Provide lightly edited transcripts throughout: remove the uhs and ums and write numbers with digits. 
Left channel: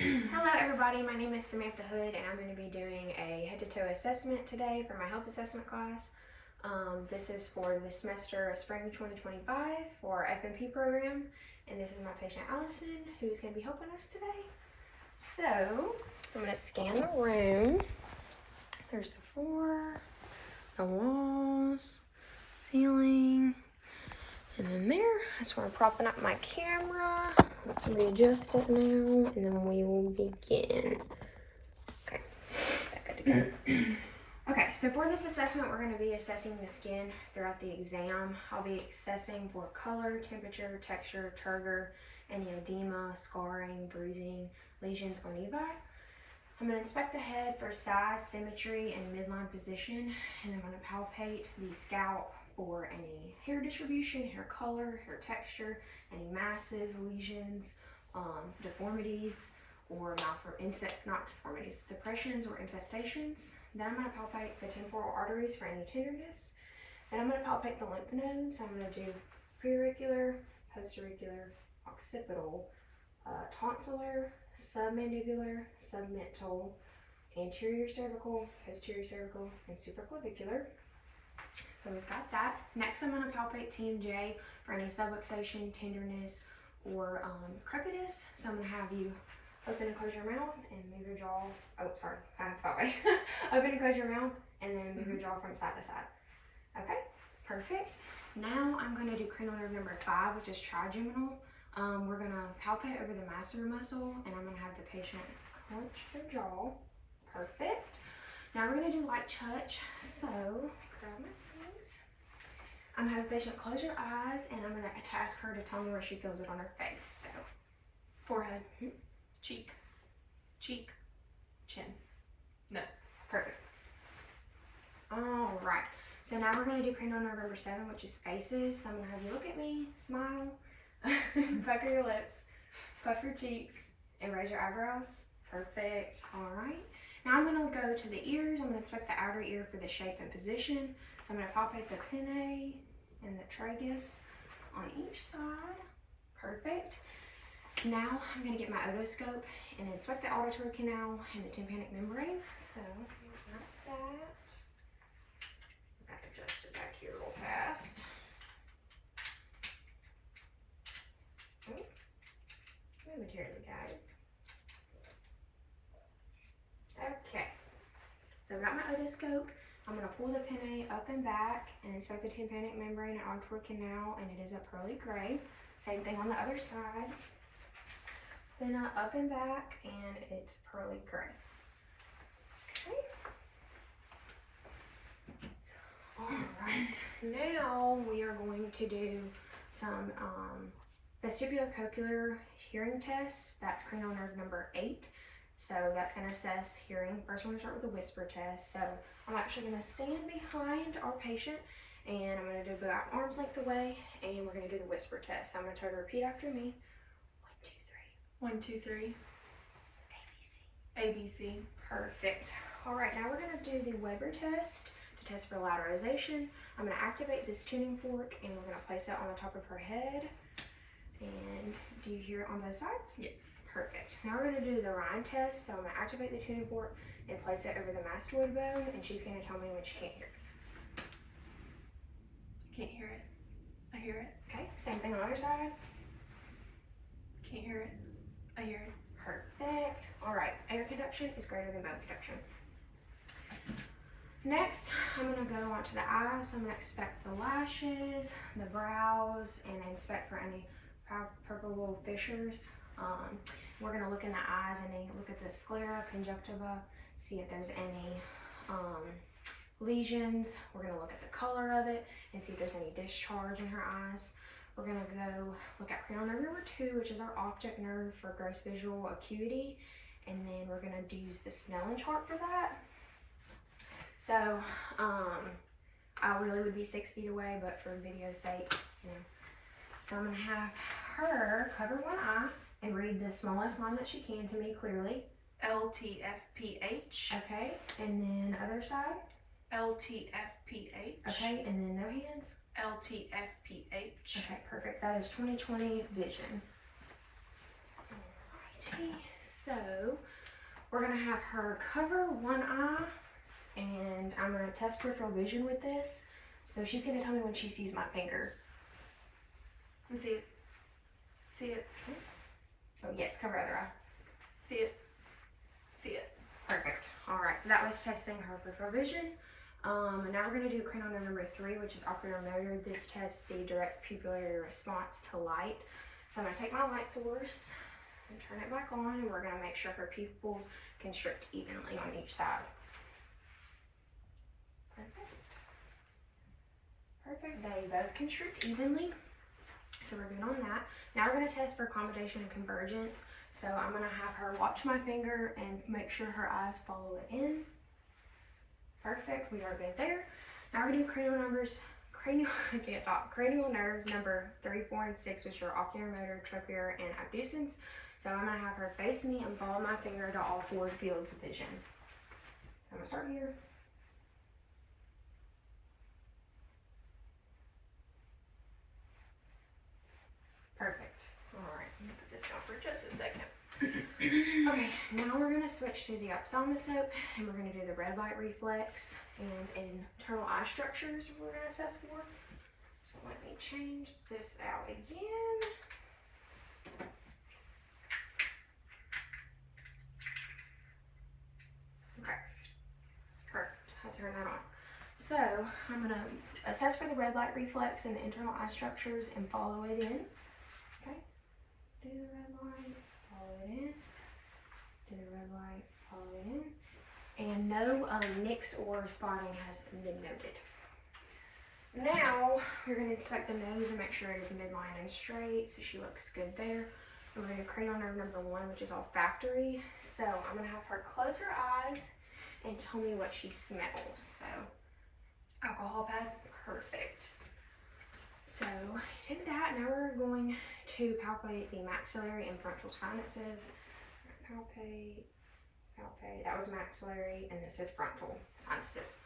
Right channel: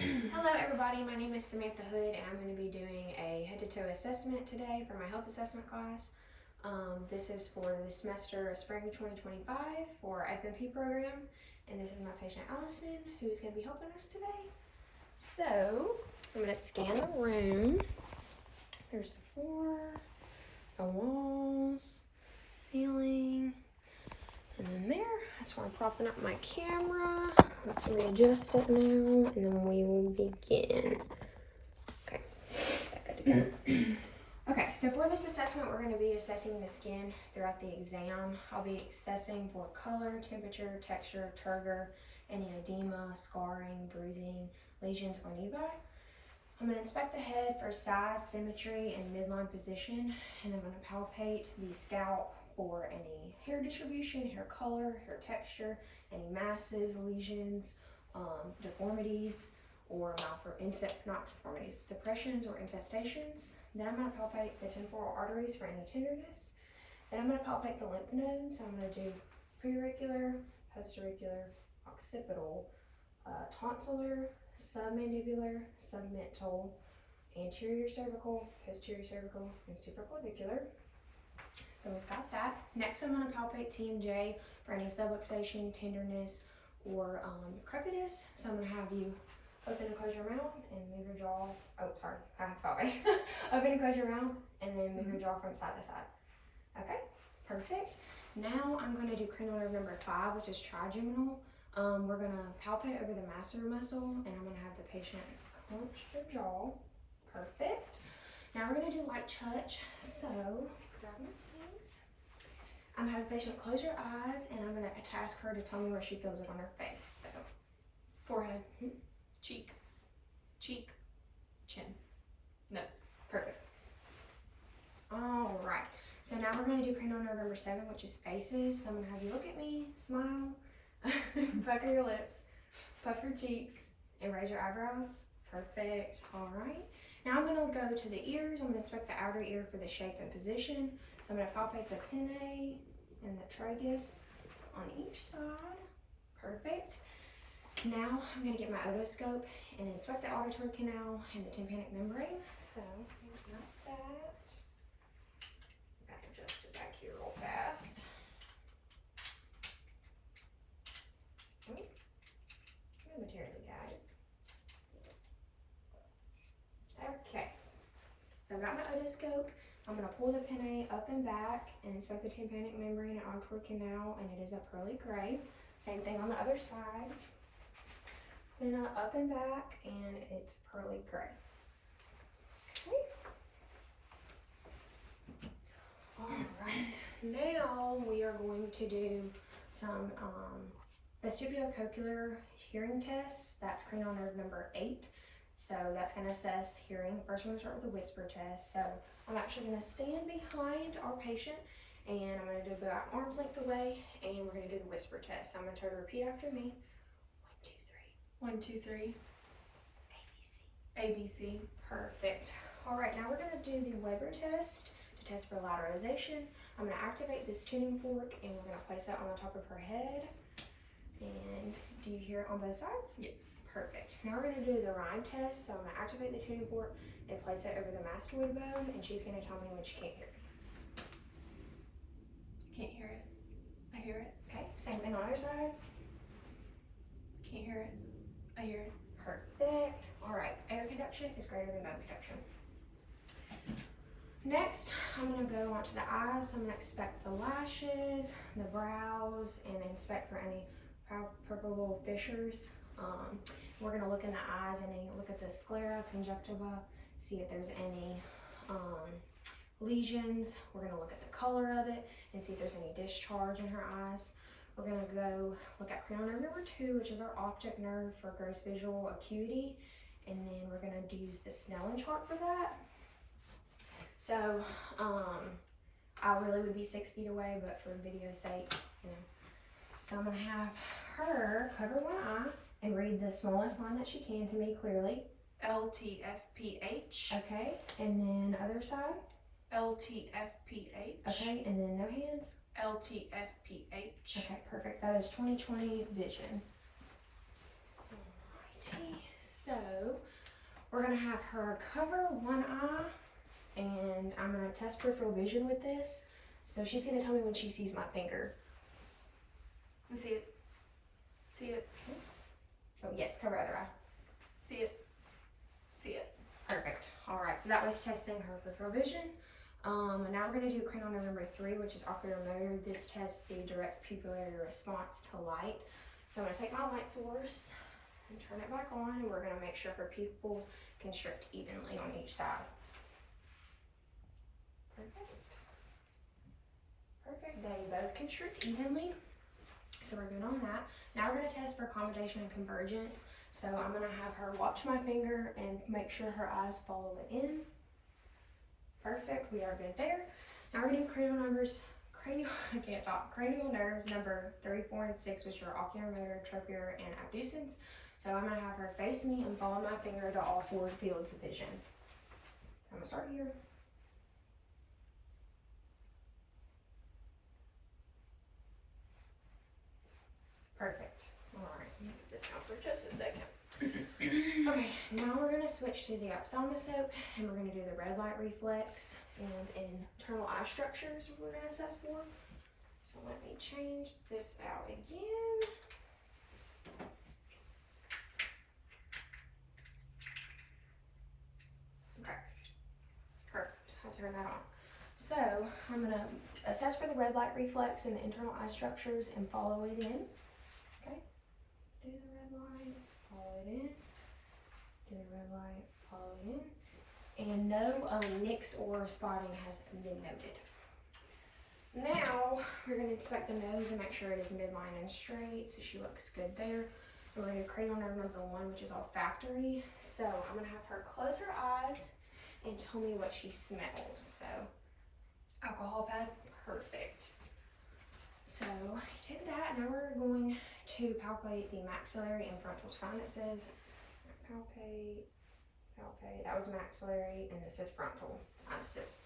Alright, hello everybody, my name is Samantha Hood and I'm going to be doing a head-to-toe assessment today for my health assessment class. This is for the semester of spring 2025 for FNP program, and this is my patient Allison who's going to be helping us today. So, I'm going to scan the room. There's the floor, the walls, ceiling, and then there, that's where I'm propping up my camera. Let's readjust it now, and then we will begin. Okay, good to go. Okay, so for this assessment, we're going to be assessing the skin throughout the exam. I'll be assessing for color, temperature, texture, turgor, any edema, scarring, bruising, lesions, or nevi. I'm going to inspect the head for size, symmetry, and midline position, and I'm going to palpate the scalp for any hair distribution, hair color, hair texture, any masses, lesions, deformities, or not deformities, depressions or infestations. Then I'm going to palpate the temporal arteries for any tenderness. Then I'm going to palpate the lymph nodes. I'm going to do preauricular, postauricular, occipital, tonsillar, submandibular, submental, anterior cervical, posterior cervical, and supraclavicular. So we've got that. Next, I'm going to palpate TMJ for any subluxation, tenderness, or crepitus. So I'm going to have you open and close your mouth and move your jaw. Oh, sorry, okay. Open and close your mouth and then move your jaw from side to side. Okay, perfect. Now I'm going to do cranial nerve number 5, which is trigeminal. We're going to palpate over the masseter muscle, and I'm going to have the patient clench their jaw. Perfect. Now we're going to do light touch. So grab my things. I'm going to have the patient close your eyes, and I'm going to task her to tell me where she feels it on her face. So forehead, cheek, cheek, chin, nose. Perfect. All right. So now we're going to do cranial nerve number 7, which is faces. So I'm going to have you look at me, smile, pucker your lips, puff your cheeks, and raise your eyebrows. Perfect. All right. Now I'm going to go to the ears. I'm going to inspect the outer ear for the shape and position. So I'm going to palpate the pinnae and the tragus on each side. Perfect. Now I'm going to get my otoscope and inspect the auditory canal and the tympanic membrane. So like that. I got to adjust it back here real fast. No material, guys. Okay. So I've got my otoscope. I'm going to pull the pinnae up and back and inspect the tympanic membrane and auditory canal, and it is a pearly gray. Same thing on the other side. Then up and back, and it's pearly gray. Okay. All right. Now we are going to do some vestibulocochlear hearing tests. That's cranial nerve number 8. So that's going to assess hearing. First, we're going to start with a whisper test. So I'm actually going to stand behind our patient, and I'm going to do about arm's length away, and we're going to do the whisper test. So I'm going to try to repeat after me. 1, 2, 3. ABC. ABC. Perfect. All right, now we're going to do the Weber test to test for lateralization. I'm going to activate this tuning fork, and we're going to place it on the top of her head. And do you hear it on both sides? Yes. Perfect. Now we're going to do the Rhine test. So I'm going to activate the tuning fork and place it over the mastoid bone, and she's going to tell me when she can't hear it. Can't hear it. I hear it. Okay, same thing on the other side. Can't hear it. I hear it. Perfect. All right, air conduction is greater than bone conduction. Next, I'm going to go on to the eyes. So I'm going to inspect the lashes, the brows, and inspect for any palpable fissures. We're going to look in the eyes and then look at the sclera, conjunctiva, see if there's any lesions. We're going to look at the color of it and see if there's any discharge in her eyes. We're going to go look at cranial nerve number 2, which is our optic nerve for gross visual acuity. And then we're going to use the Snellen chart for that. So, I really would be 6 feet away, but for video's sake, you know. So I'm going to have her cover one eye and read the smallest line that she can to me clearly. LTFPH. Okay, and then other side. LTFPH. Okay, and then no hands. LTFPH. Okay, perfect. That is 20/20 vision. Alrighty, so we're gonna have her cover one eye, and I'm gonna test peripheral vision with this. So she's gonna tell me when she sees my finger. I see it. See it. Oh yes, cover other eye. See it. See it. Perfect. All right, so that was testing her peripheral vision. And now we're gonna do cranial nerve number 3, which is oculomotor. This tests the direct pupillary response to light. So I'm gonna take my light source and turn it back on, and we're gonna make sure her pupils constrict evenly on each side. Perfect. Perfect. They both constrict evenly. So we're good on that. Now we're gonna test for accommodation and convergence. So I'm gonna have her watch my finger and make sure her eyes follow it in. Perfect, we are good there. Now we're gonna do cranial nerves number 3, 4, and 6, which are oculomotor, trochlear, and abducens. So I'm gonna have her face me and follow my finger to all 4 fields of vision. So I'm gonna start here. Perfect. All right, I'm gonna put this down for just a second. Okay, now we're gonna switch to the ophthalmoscope, and we're gonna do the red light reflex and internal eye structures we're gonna assess for. So let me change this out again. Okay, perfect. I'll turn that on. So I'm gonna assess for the red light reflex and the internal eye structures and follow it in. Okay, do the red light, follow it in. Do the red light, follow it in. And no nicks or spotting has been noted. Now we're going to inspect the nose and make sure it is midline and straight, so she looks good there. And we're going to do cranial nerve number 1, which is olfactory. So I'm going to have her close her eyes and tell me what she smells. So alcohol pad, perfect. So did that. Now we're going to palpate the maxillary and frontal sinuses. Palpate, palpate. That was maxillary, and this is frontal sinuses.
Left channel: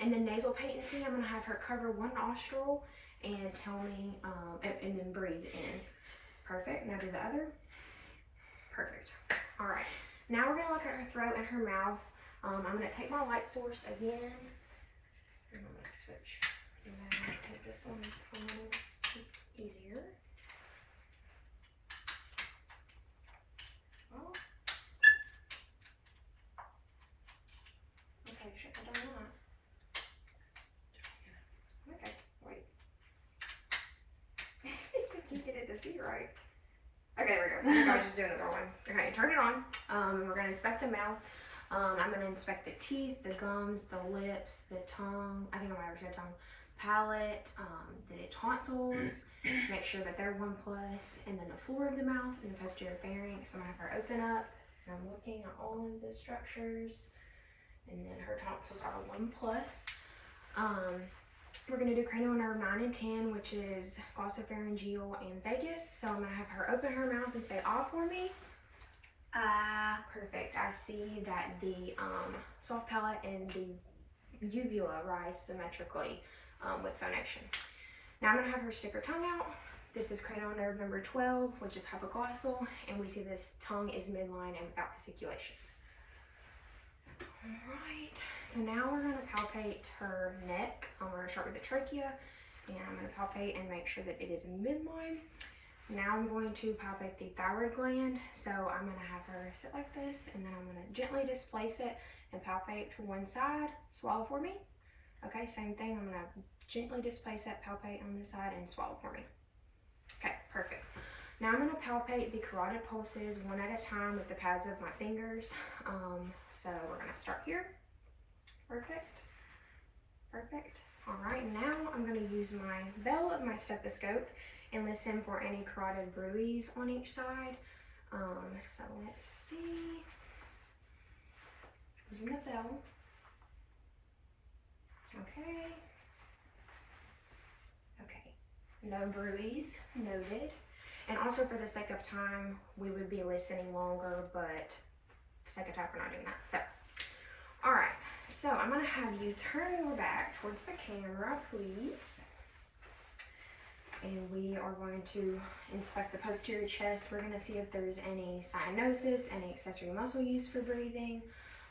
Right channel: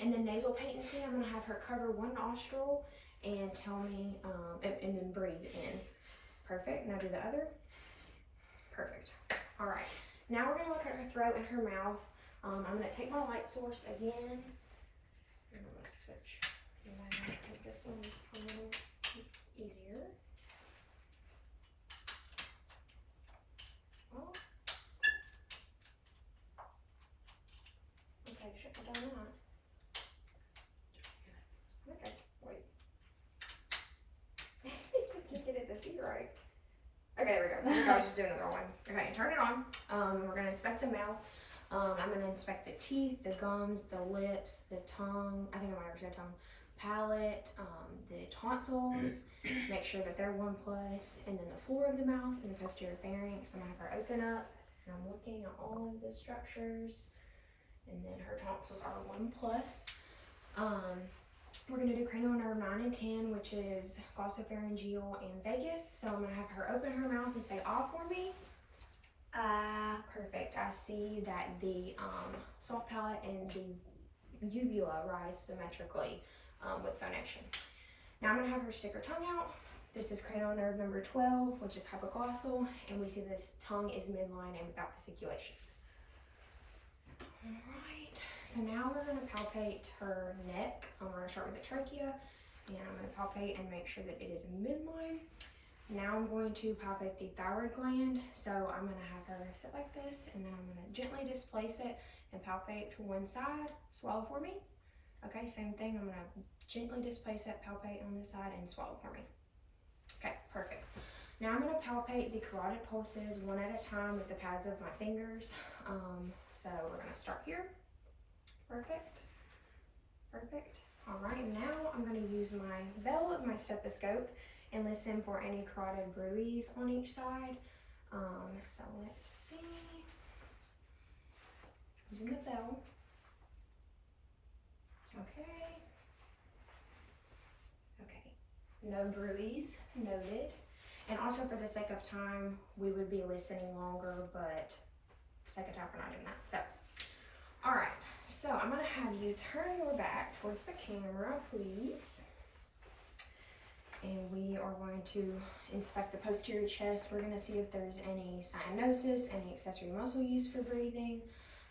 And then nasal patency, I'm gonna have her cover one nostril and tell me, and then breathe in. Perfect. Now do the other. Perfect. All right. Now we're gonna look at her throat and her mouth. I'm gonna take my light source again, and I'm gonna switch because this one's a little easier. Oh. Okay, shouldn't have done that. Okay, wait. Can't get it to see right. Okay, there we go. I'll just do another one. Okay, turn it on. We're gonna inspect the mouth. I'm gonna inspect the teeth, the gums, the lips, the tongue. I think I might have said tongue. Palate, the tonsils. Make sure that they're 1+, and then the floor of the mouth and the posterior pharynx. I'm gonna have her open up, and I'm looking at all of the structures, and then her tonsils are 1+. We're gonna do cranial nerve 9 and 10, which is glossopharyngeal and vagus. So I'm gonna have her open her mouth and say "ah" for me. Perfect. I see that the soft palate and the uvula rise symmetrically with phonation. Now I'm gonna have her stick her tongue out. This is cranial nerve number 12, which is hypoglossal, and we see this tongue is midline and without fasciculations. All right, so now we're gonna palpate her neck. We're gonna start with the trachea, and I'm gonna palpate and make sure that it is midline. Now I'm going to palpate the thyroid gland. So I'm gonna have her sit like this, and then I'm gonna gently displace it and palpate to one side. Swallow for me. Okay, same thing. I'm gonna gently displace it, palpate on this side, and swallow for me. Okay, perfect. Now I'm gonna palpate the carotid pulses one at a time with the pads of my fingers. So we're gonna start here. Perfect, perfect. All right, now I'm gonna use my bell of my stethoscope and listen for any carotid bruits on each side. So let's see. Using the bell. Okay. Okay. No bruits noted. And also for the sake of time, we would be listening longer, but for the sake of time, we're not doing that. So, all right. So I'm gonna have you turn your back towards the camera, please. and we are going to inspect the posterior chest. We're going to see if there's any cyanosis, any accessory muscle use for breathing.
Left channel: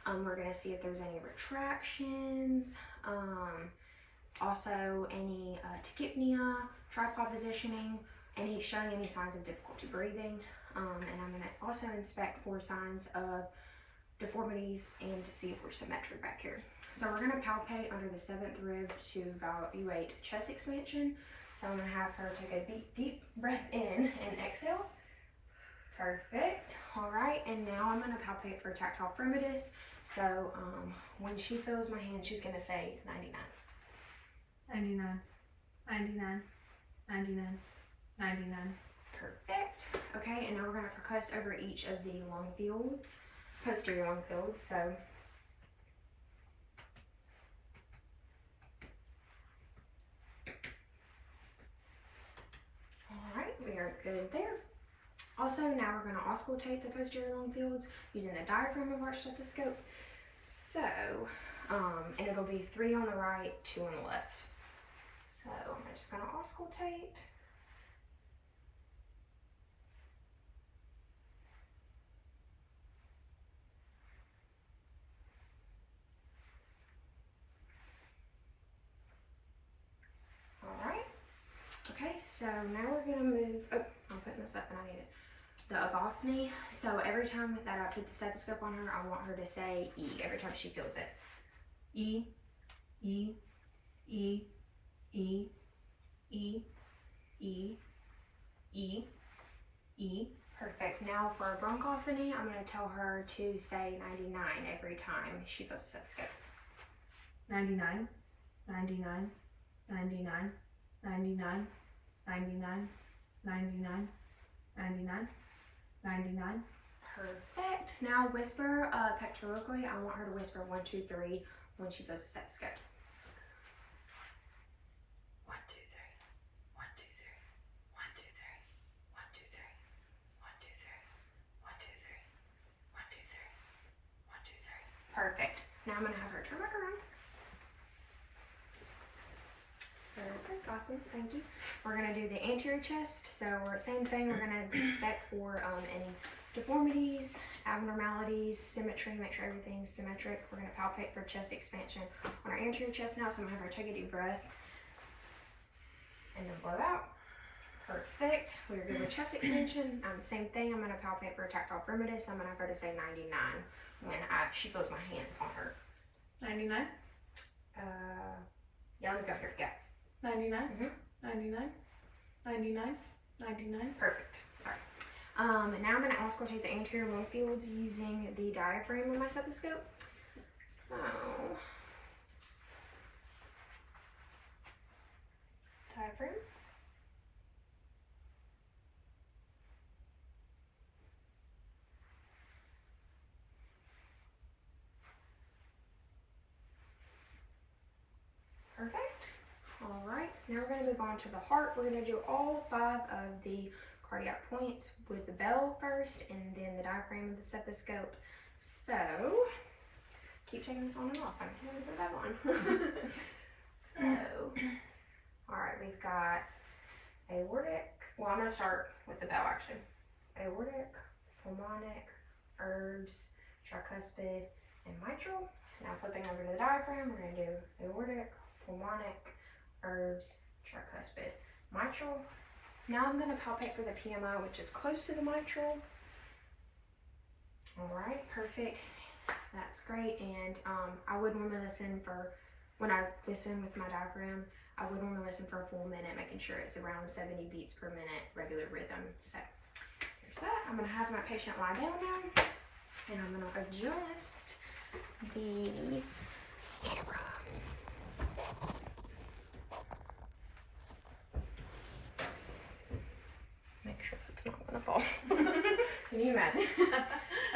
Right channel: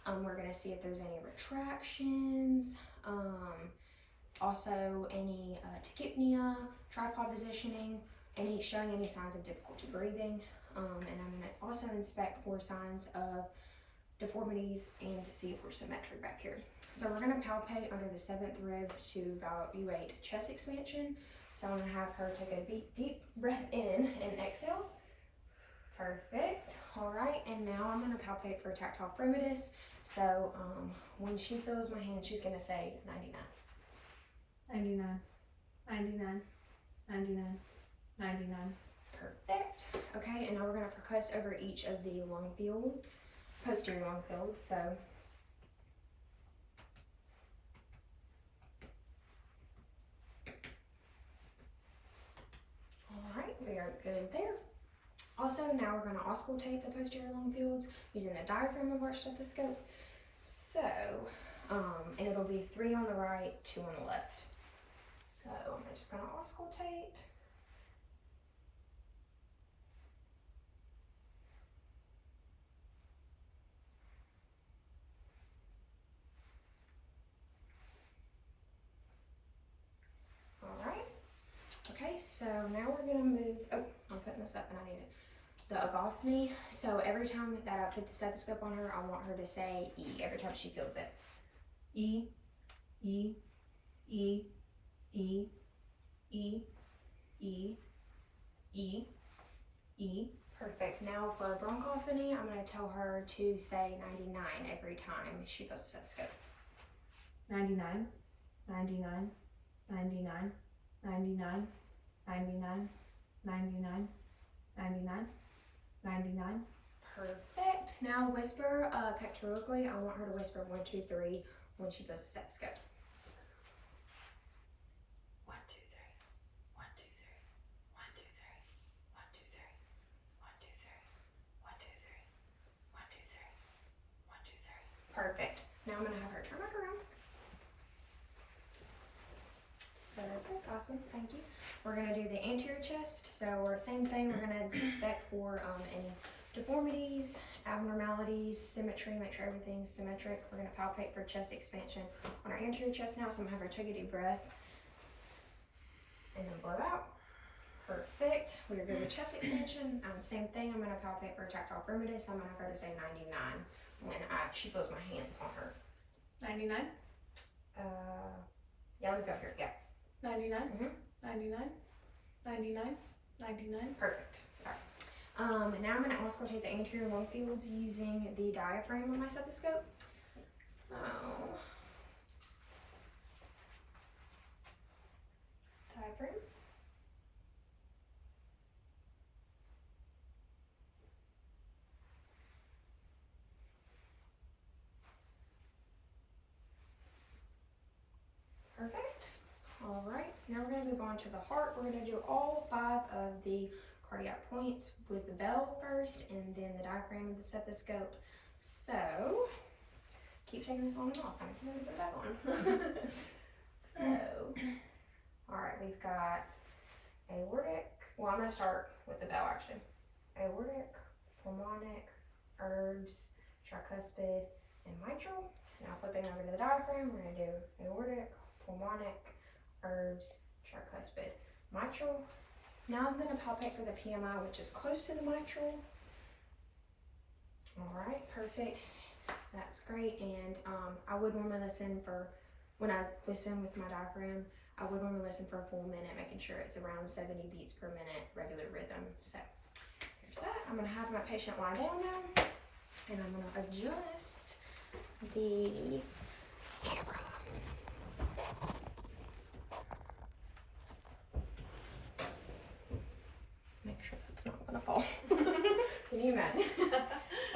We're going to see if there's any retractions, also any tachypnea, tripod positioning, and he's showing any signs of difficulty breathing. And I'm going to also inspect for signs of deformities and to see if we're symmetric back here. So we're going to palpate under the 7th rib to evaluate chest expansion. So I'm going to have her take a deep breath in and exhale. Perfect. All right, and now I'm going to palpate for tactile firmitus. So when she feels my hand, she's going to say 99. 99, 99, 99, 99. Perfect. Okay, and now we're going to percuss over each of the lung fields, posterior lung fields. So all right, we are good there. Also, now we're going to auscultate the posterior lung fields using the diaphragm of our stethoscope. So, and it'll be 3 on the right, 2 on the left. So I'm just going to auscultate. Okay, so now we're gonna move, oh, I'm putting this up and I need it. The agouphony, so every time that I put the stethoscope on her, I want her to say E every time she feels it. E, E, E, E, E, E, E, E. Perfect. Now for bronchophony, I'm gonna tell her to say 99 every time she feels the stethoscope. 99, 99, 99, 99, 99, 99, 99, 99. Perfect. Now whisper pectorally. I want her to whisper 1, 2, 3 when she feels the stethoscope. 1, 2, 3, 1, 2, 3, 1, 2, 3, 1, 2, 3, 1, 2, 3, 1, 2, 3, 1, 2, 3, 1, 2, 3. Perfect. Now I'm gonna have her turn back around. Perfect, awesome, thank you. We're gonna do the anterior chest. So same thing, we're gonna inspect for any deformities, abnormalities, symmetry, make sure everything's symmetric. We're gonna palpate for chest expansion on our anterior chest now. So I'm gonna have her take a deep breath and then blow out. Perfect, we're good with chest expansion. Same thing, I'm gonna palpate for tactile firmitus. I'm gonna have her to say 99 when she feels my hands on her. 99? Yeah, let me go here, go. 99, Mhm. 99, 99, 99. Perfect. Sorry. And now I'm going to auscultate the anterior lung fields using the diaphragm of my stethoscope. So, diaphragm. Perfect. All right, now we're going to move on to the heart. We're going to do all 5 of the cardiac points with the bell first and then the diaphragm of the stethoscope. So, keep taking this on and off. I can't put it back on. So, all right, we've got aortic. Well, I'm going to start with the bell actually. Aortic, pulmonic, herbs, tricuspid, and mitral. Now flipping over to the diaphragm, we're going to do aortic, pulmonic, herbs, tricuspid, mitral. Now I'm going to palpate for the PMI, which is close to the mitral. All right, perfect. That's great. And I would want to listen for, when I listen with my diaphragm, I would want to listen for a full minute, making sure it's around 70 beats per minute, regular rhythm. So there's that. I'm going to have my patient lie down now, and I'm going to adjust the camera. Make sure that's not going to fall. Can you imagine?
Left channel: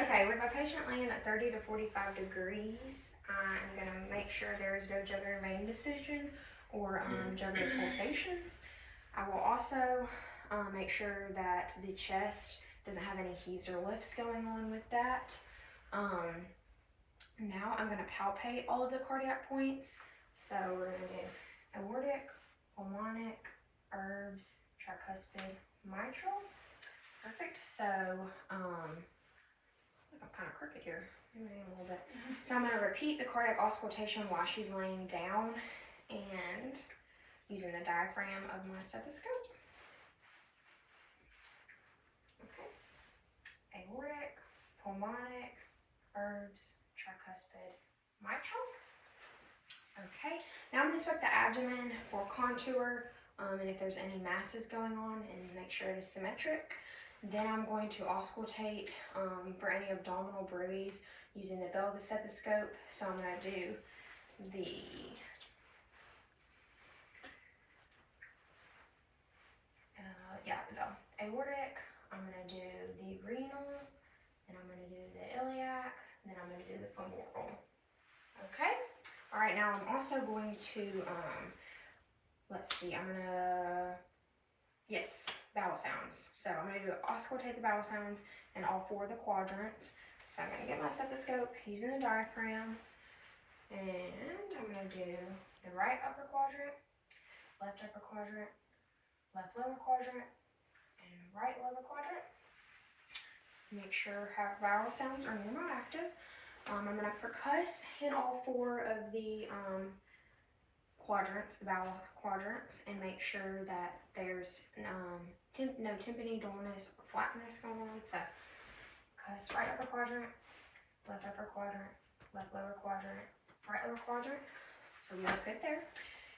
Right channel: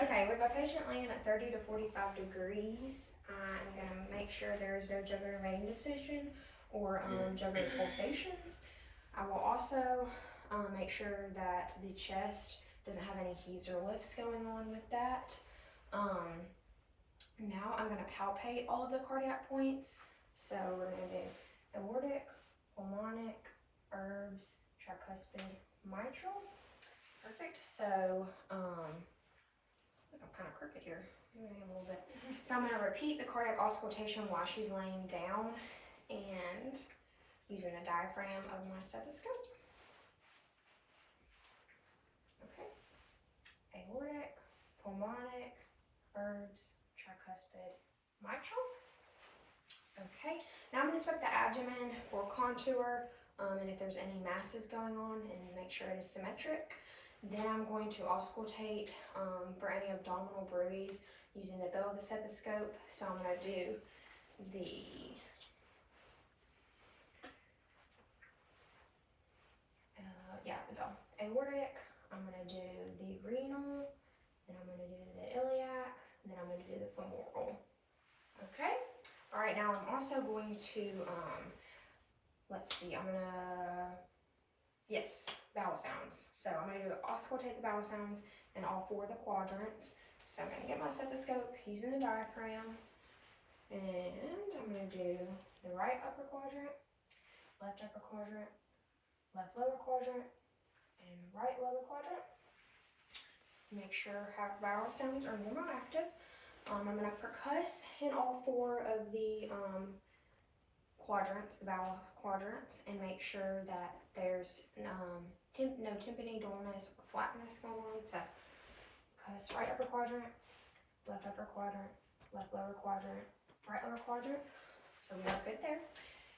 Okay, with my patient laying at 30 to 45 degrees, I'm going to make sure there is no jugular vein distension or jugular pulsations. I will also make sure that the chest doesn't have any heaves or lifts going on with that. Now I'm going to palpate all of the cardiac points. So we're going to do aortic, pulmonic, herbs, tricuspid, mitral. Perfect. So, I'm kind of crooked here. Maybe a little bit. So I'm going to repeat the cardiac auscultation while she's laying down and using the diaphragm of my stethoscope. Okay. Aortic, pulmonic, herbs, tricuspid, mitral. Okay. Now I'm going to inspect the abdomen for contour and if there's any masses going on and make sure it is symmetric. Then I'm going to auscultate for any abdominal bruise using the bell of the stethoscope. So I'm going to do the the bell. Aortic, I'm going to do the renal, and I'm going to do the iliac, and then I'm going to do the femoral. Okay? All right, now I'm also going to, let's see, I'm going to, yes, bowel sounds. So I'm going to auscultate the bowel sounds in all 4 of the quadrants. So I'm going to get my stethoscope using the diaphragm, and I'm going to do the right upper quadrant, left upper quadrant, left lower quadrant, and right lower quadrant. Make sure bowel sounds are normal active. I'm going to percuss in all 4 of the quadrants, the bowel quadrants, and make sure that there's no tympany, dullness, or flatness going on. So, percuss right upper quadrant, left upper quadrant, left lower quadrant, right lower quadrant. So we look good there.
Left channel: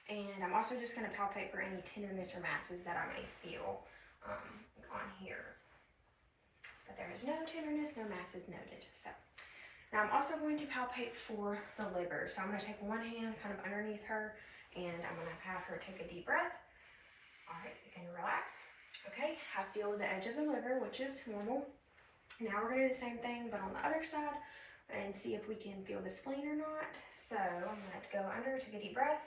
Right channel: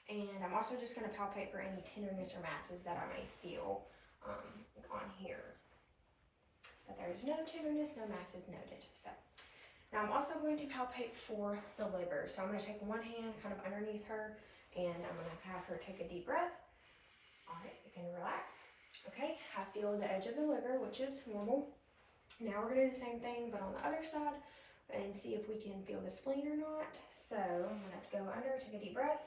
And I'm also just going to palpate for any tenderness or masses that I may feel on here. But there is no tenderness, no masses noted. So now I'm also going to palpate for the liver. So I'm going to take one hand kind of underneath her, and I'm going to have her take a deep breath. All right, you can relax. Okay, I feel the edge of the liver, which is normal. Now we're going to do the same thing, but on the other side, and see if we can feel the spleen or not. So I'm going to have to go under, take a deep breath.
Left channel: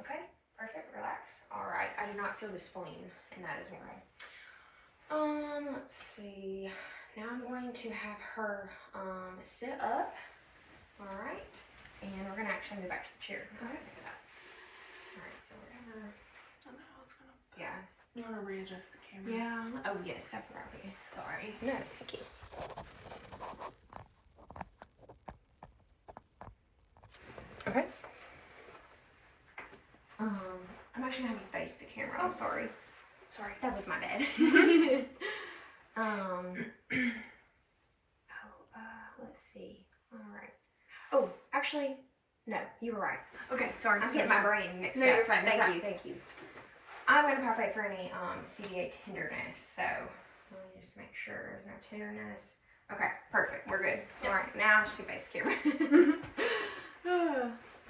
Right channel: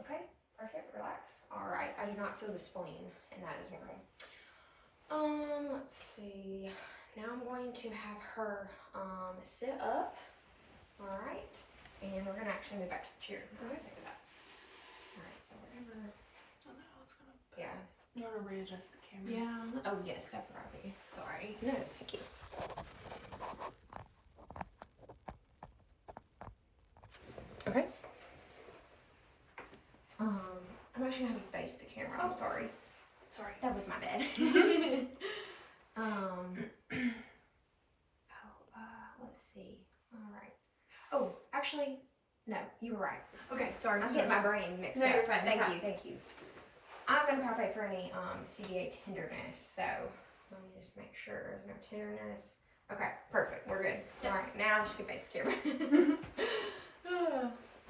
Okay, perfect, relax. All right, I do not feel the spleen, and that is normal. Let's see. Now I'm going to have her sit up. All right, and we're gonna actually move back to the chair. Okay. Look at that. All right, so we're gonna. I don't know how it's gonna. Yeah. You want to readjust the camera? Yeah. Oh yes, separately. Sorry. No, thank you. Okay. I'm actually gonna have you face the camera. I'm sorry. Sorry, that was my dad. Let's see. All right. Oh, actually, no, you were right. Okay, sorry, I'm getting my brain mixed up. No, you're fine. Thank you, thank you. I'm gonna palpate for any CVA tenderness. So let me just make sure there's no tenderness. Okay, perfect. We're good. Yep. All right, now I should face the camera.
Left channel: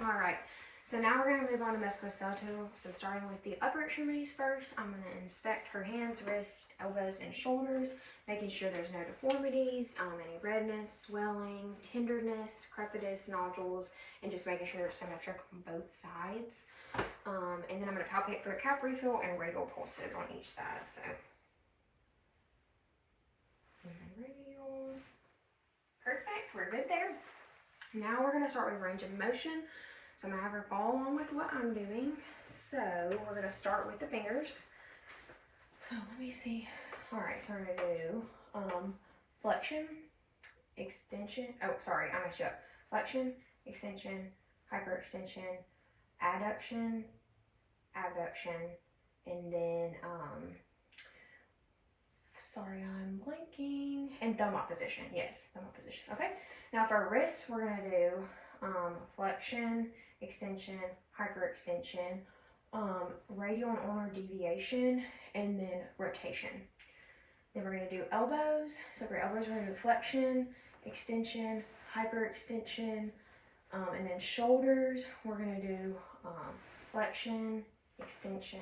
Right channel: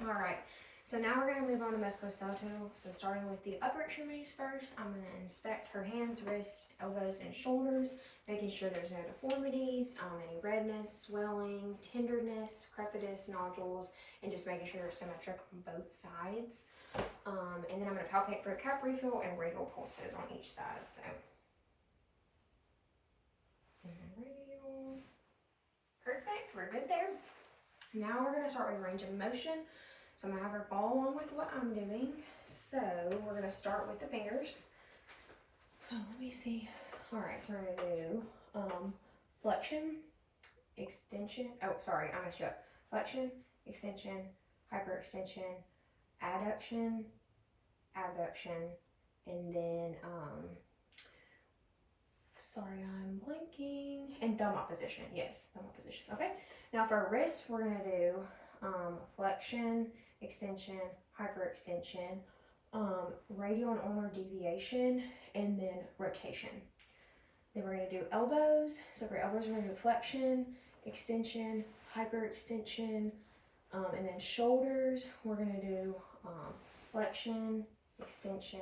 All right. So now we're going to move on to musculoskeletal. So starting with the upper extremities first, I'm going to inspect her hands, wrists, elbows, and shoulders, making sure there's no deformities, any redness, swelling, tenderness, crepitus, nodules, and just making sure they're symmetric on both sides. And then I'm going to palpate for a cap refill and radial pulses on each side. So, radial. Perfect, we're good there. Now we're going to start with range of motion. So I'm going to have her follow along with what I'm doing. So we're going to start with the fingers. So let me see. All right, so we're going to do flexion, extension. Oh, sorry, I messed you up. Flexion, extension, hyperextension, adduction, abduction, and then, sorry, I'm blanking. And thumb opposition. Yes, thumb opposition. Okay. Now for wrist, we're going to do flexion, extension, hyperextension, radial and ulnar deviation, and then rotation. Then we're going to do elbows. So for elbows, we're going to do flexion, extension, hyperextension, and then shoulders, we're going to do flexion, extension,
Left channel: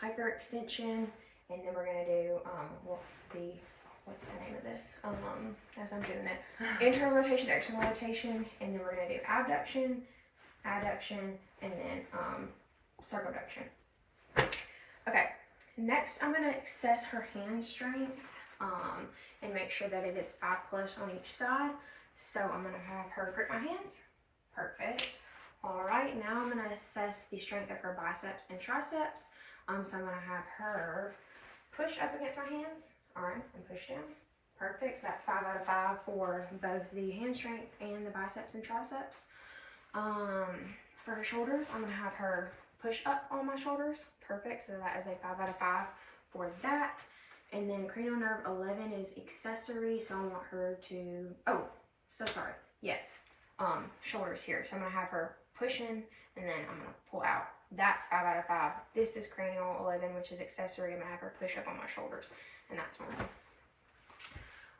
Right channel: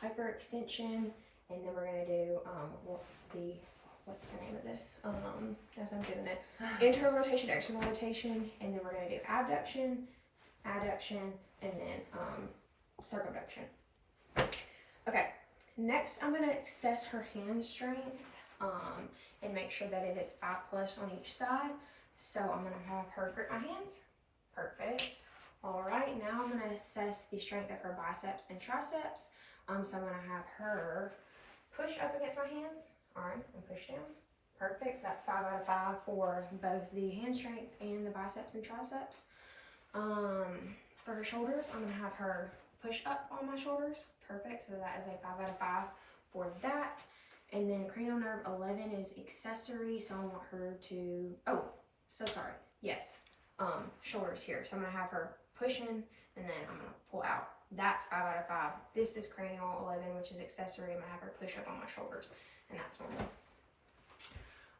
hyperextension, and then we're going to do what's the name of this? As I'm doing it, internal rotation, external rotation, and then we're going to do abduction, adduction, and then circumduction. Okay, next I'm going to assess her hand strength and make sure that it is 5+ on each side. So I'm going to have her grip my hands. Perfect. All right, now I'm going to assess the strength of her biceps and triceps. So I'm gonna have her push up against my hands. All right, and push down. Perfect. So that's 5 out of 5 for both the hand strength and the biceps and triceps. For her shoulders, I'm gonna have her push up on my shoulders. Perfect. So that is a 5 out of 5 for that. And then cranial nerve 11 is accessory. So I want her to, oh, so sorry. Yes. Shoulders here. So I'm gonna have her push in and then I'm gonna pull out. That's 5 out of 5. This is cranial 11, which is accessory. I'm gonna have her push up on my shoulders, and that's normal.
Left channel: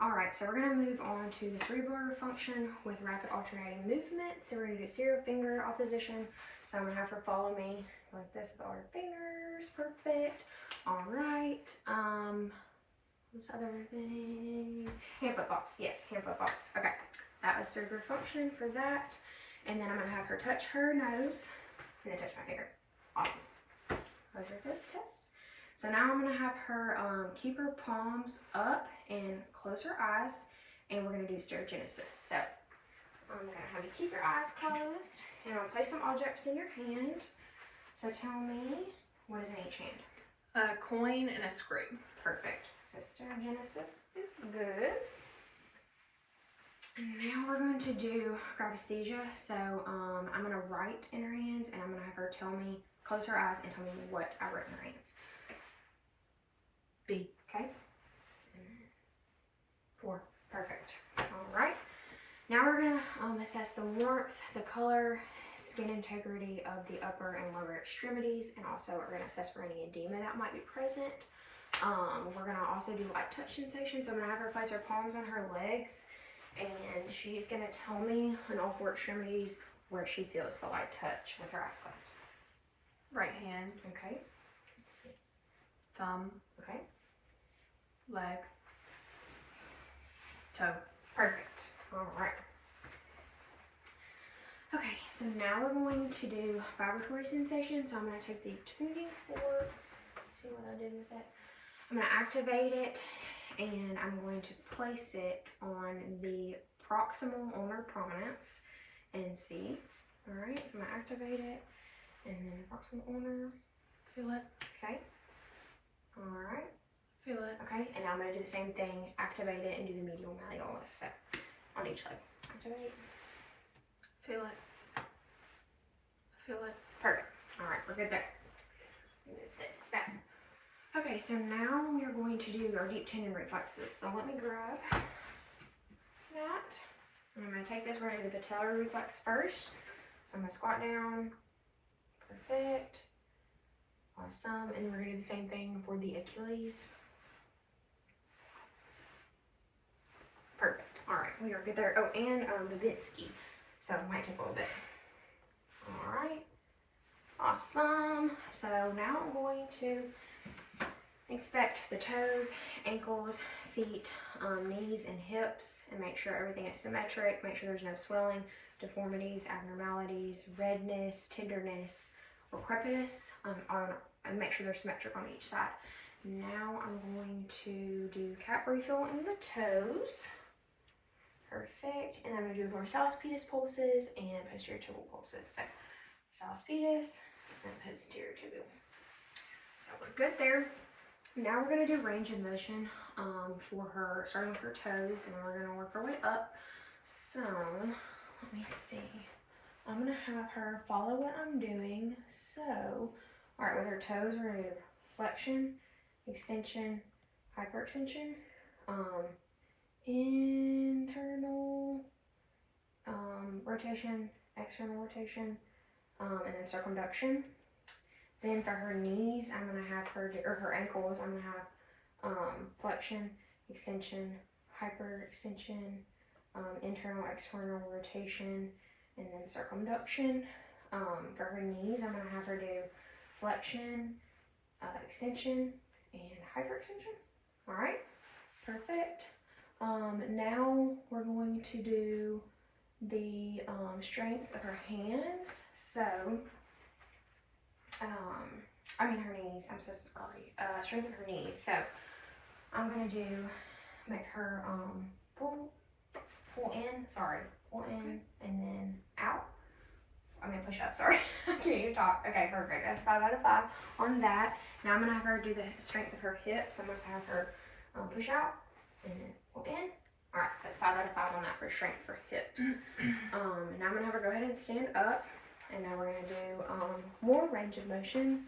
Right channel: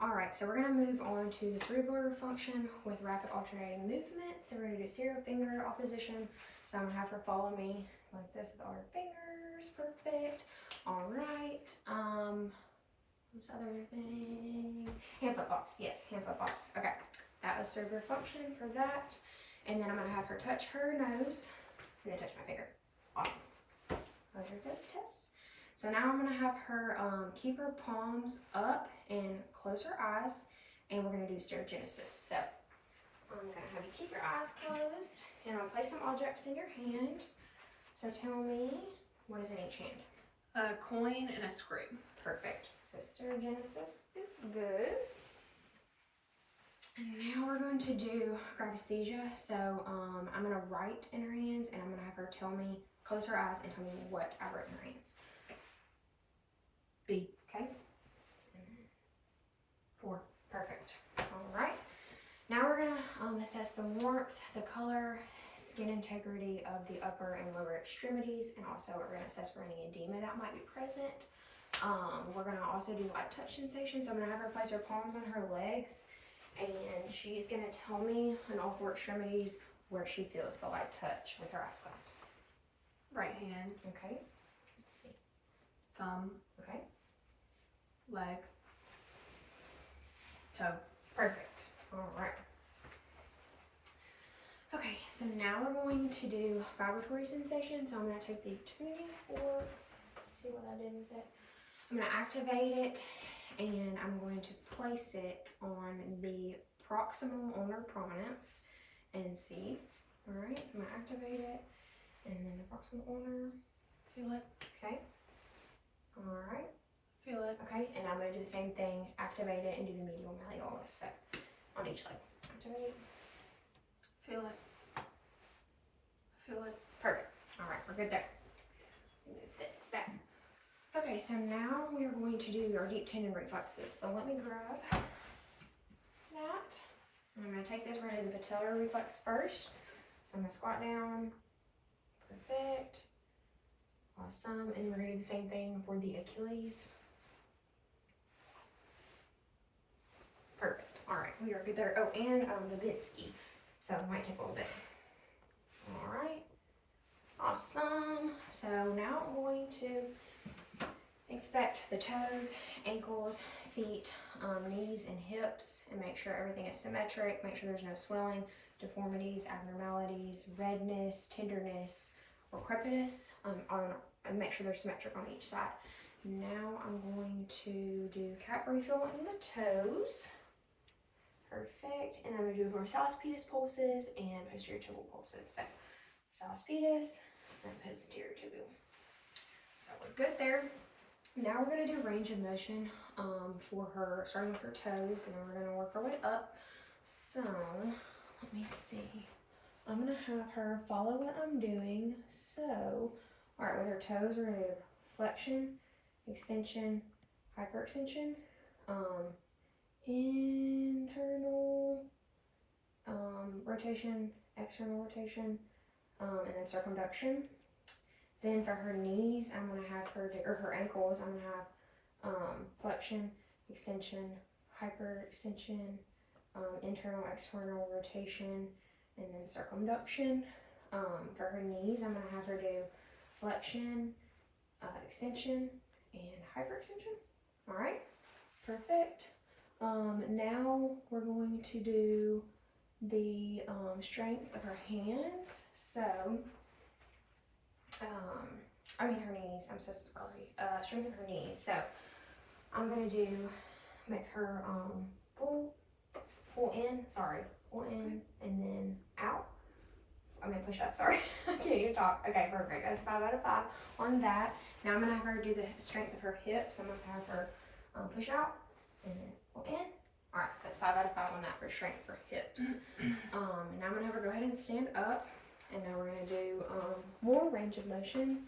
All right, so we're gonna move on to the cerebral function with rapid alternating movement. So we're gonna do serial finger opposition. So I'm gonna have her follow me like this with all her fingers. Perfect. All right. This other thing. Hand flip flops. Yes, hand flip flops. Okay, that was cerebral function for that. And then I'm gonna have her touch her nose and then touch my finger. Awesome. Those are those tests. So now I'm gonna have her keep her palms up and close her eyes, and we're gonna do stereogenesis. So I'm gonna have you keep your eyes closed, and I'll place some objects in your hand. So tell me, what is in each hand? A coin and a screw. Perfect. So stereogenesis is good. And now we're going to do gravesthesia. So I'm going to write in her hands, and I'm going to have her tell me, close her eyes and tell me what I wrote in her hands. B. Okay. And 4. Perfect. All right. Now we're going to assess the warmth, the color, skin integrity of the upper and lower extremities, and also we're going to assess for any edema that might be present. We're going to also do light touch sensation. So I'm going to have her place her palms on her legs, and she's going to tell me on all 4 extremities where she feels the light touch with her eyes closed. Right hand. Okay. Let's see. Thumb. Okay. Leg. Toe. Perfect. All right. Okay, so now we're going to do vibratory sensation. So I'm going to take the tuning fork. See what I did with it? I'm going to activate it, and I'm going to place it on the proximal ulnar prominence and see. All right, I'm going to activate it, and then proximal ulnar. Feel it. Okay. All right. Feel it. Okay, and now I'm going to do the same thing, activate it, and do the medial malleolus. So on each leg. Activate. Feel it. Feel it. Perfect. All right, we're good there. Move this back. Okay, so now we are going to do our deep tendon reflexes. So let me grab that. And I'm going to take this, we're going to do the patellar reflex first. So I'm going to squat down. Perfect. Awesome. And then we're going to do the same thing for the Achilles. Perfect. All right, we are good there. Oh, and Babinski. So it might take a little bit. All right. Awesome. So now I'm going to inspect the toes, ankles, feet, knees, and hips, and make sure everything is symmetric. Make sure there's no swelling, deformities, abnormalities, redness, tenderness, or crepiness. And make sure they're symmetric on each side. Now I'm going to do cap refill in the toes. Perfect. And I'm going to do dorsalis pedis pulses and posterior tibial pulses. So dorsalis pedis and posterior tibial. So we're good there. Now we're going to do range of motion for her, starting with her toes, and we're going to work our way up. So let me see. I'm going to have her follow what I'm doing. So, all right, with her toes, we're going to do flexion, extension, hyperextension, internal rotation, external rotation, and then circumduction. Then for her knees, I'm going to have her, or her ankles, I'm going to have flexion, extension, hyperextension, internal, external rotation, and then circumduction. For her knees, I'm going to have her do flexion, extension, and hyperextension. All right, perfect. Now we're going to do the strength of her hands. So, her knees. I'm so sorry. Strength of her knees. So, I'm going to make her pull in, and then out. Push up, sorry. I can't even talk. Okay, perfect. That's 5 out of 5 on that. Now I'm gonna have her do the strength of her hips. I'm gonna have her push out and then pull in. All right, so that's 5 out of 5 on that for strength for hips. Now I'm gonna have her go ahead and stand up, and now we're gonna do more range of motion.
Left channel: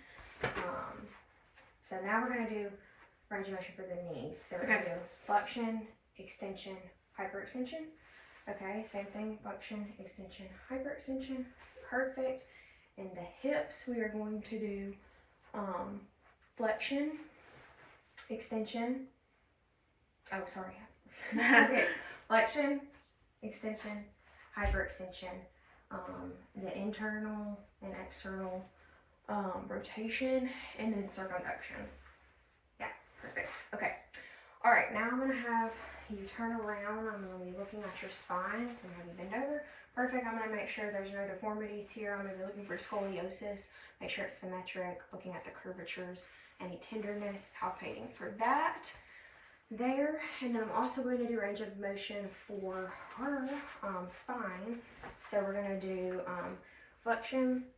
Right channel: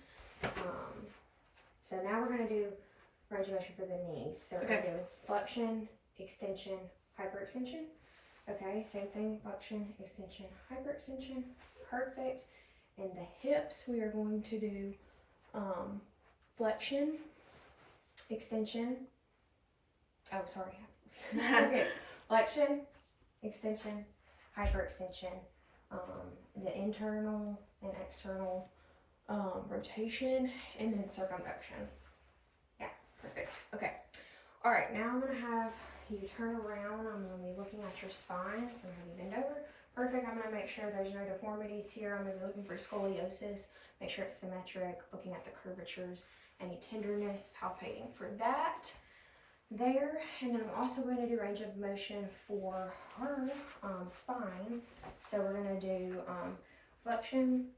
So now we're gonna do range of motion for the knees. So we're gonna do flexion, extension, hyperextension. Okay, same thing, flexion, extension, hyperextension. Perfect. And the hips, we are going to do flexion, extension. Oh, sorry. Okay, flexion, extension, hyperextension. The internal and external rotation, and then circumduction. Yeah, perfect. Okay. All right, now I'm gonna have you turn around. I'm gonna be looking at your spine, so I'm gonna have you bend over. Perfect. I'm gonna make sure there's no deformities here. I'm gonna be looking for scoliosis, make sure it's symmetric, looking at the curvatures, any tenderness, palpating for that there. And then I'm also going to do range of motion for her spine. So we're gonna do flexion,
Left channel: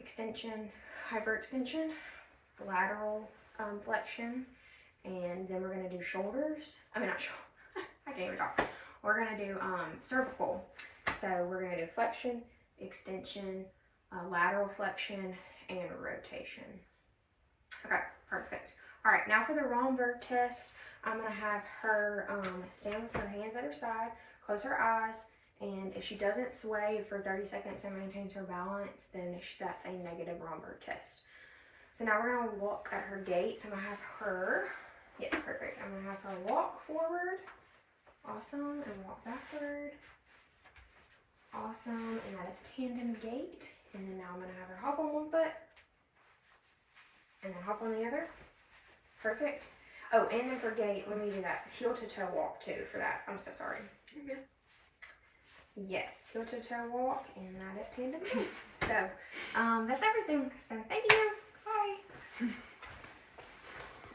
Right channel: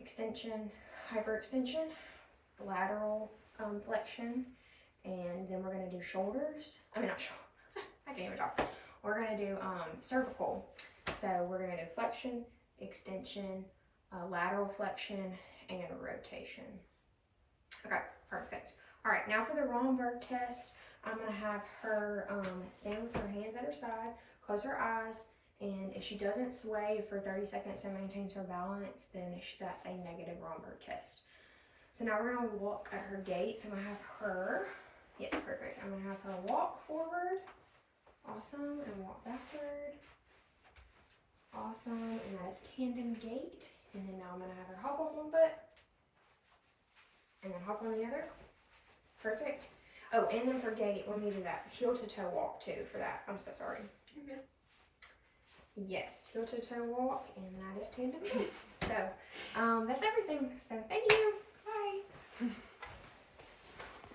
extension, hyperextension, lateral flexion, and then we're gonna do shoulders. I mean, not shoulders. I can't even talk. We're gonna do cervical. So we're gonna do flexion, extension, lateral flexion, and rotation. Okay, perfect. All right, now for the Romberg test, I'm gonna have her stand with her hands at her side, close her eyes, and if she doesn't sway for 30 seconds and maintains her balance, then that's a negative Romberg test. So now we're gonna walk at her gait. So I'm gonna have her, yes, perfect. I'm gonna have her walk forward, awesome, and walk backward, awesome, and that is tandem gait. And then now I'm gonna have her hop on one foot, and then hop on the other, perfect. Oh, and then for gait, let me do that heel to toe walk too for that. I'm so sorry. Okay. Yes, heel to toe walk, and that is tandem gait. So, that's everything. So, thank you.